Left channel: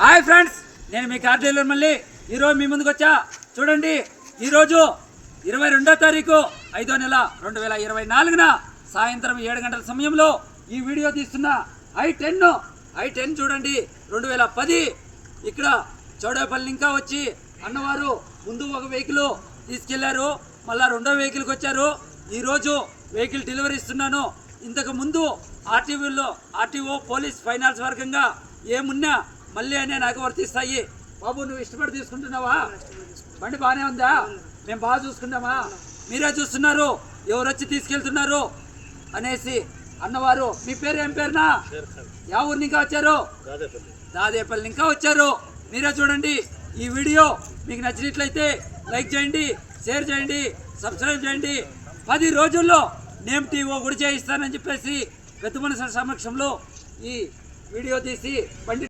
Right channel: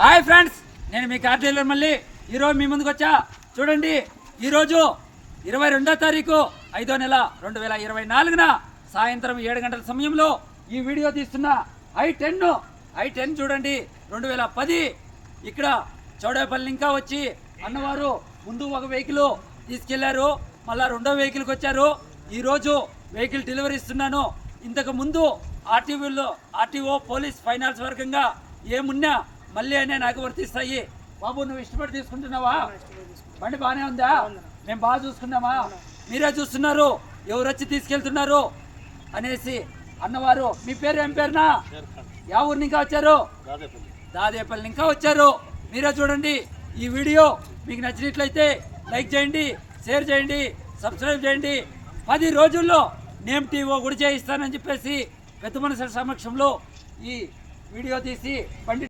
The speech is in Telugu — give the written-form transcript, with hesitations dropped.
హాయ్ ఫ్రెండ్స్, నేను మీ కార్ డీలర్ మళ్ళీ ఈరోజు మీ ముందుకు వచ్చా. చూడండి, ఈరోజు 22వ తారీఖు 5వ నెల 2024 సాయంత్రం 7 గంటల సమయంలో ఈ వీడియో తీస్తున్న i10 చూడండి. 2010 ఇక్కడ చౌడేపల్లి ఇంకా వచ్చి అన్నవారు ముందు ఒక వెహికల్ తీసుకెళ్లారు, మళ్ళా రెండో వెహికల్కి వచ్చారు. ఈరోజు వెహికల్ డెలివరీ ఇస్తున్నాను. ఇంతకు ముందు ఆర్టీఓ పోలీస్ ఫైనాన్స్ వర్గంగా ఏమున్నా మళ్ళీ అనే నాకు వర్తిస్తాయి. బాబు, నువ్వు ఇష్టపడి తీసుకుంటున్నావా? బండి బాగానే ఉందా? మేము బాగా చూసుకున్నామా? మీరే చూస్తున్నారు ఎవరు వచ్చి తీసుకెళ్తున్నారు అనేసి అన్నవారు. మీ పేరు ఏం పేరునా? యా ఊరు ఇంకా వచ్చారు? దాదేపల్లి ఇంకా వచ్చారు. మీరే చూడండి. ఈ వీడియో మీకు నచ్చినట్లయితే లైక్ చేయండి, షేర్ చేయండి, సబ్స్క్రైబ్ చేయండి. 10 రోజుల్లో నేమ్ టీవో కూడా చేయిస్తానని చెప్పేసి పెద్ద మనుషుల సమక్షంలో ఈ వీడియో తీసి బండి